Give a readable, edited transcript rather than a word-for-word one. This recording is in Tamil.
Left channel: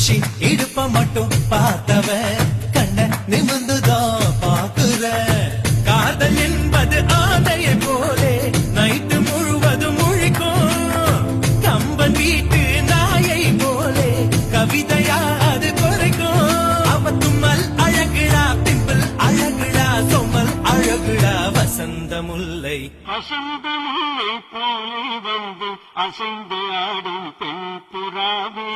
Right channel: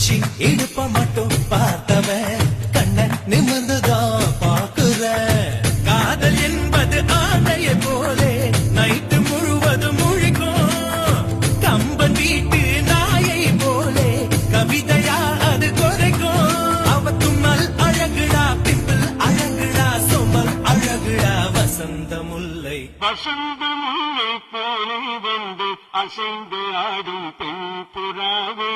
குஷி இடுப்ப மட்டும் பார்த்தவன் கண்ண நிமிர்ந்துதான் பாக்குற காதல் என்பது ஆதையை போலே நைட்டு முழுவதும் முழிக்கும் கம்பன் வீட்டு நாயை போலே கவிதையா அது குறைக்கும் அவ தும்மல் அழகுடா பிம்பிள் அழகுடா சொம்மல் அழகுடா வசந்த முல்லை அசைந்து ஆடும் பெண் புறாவே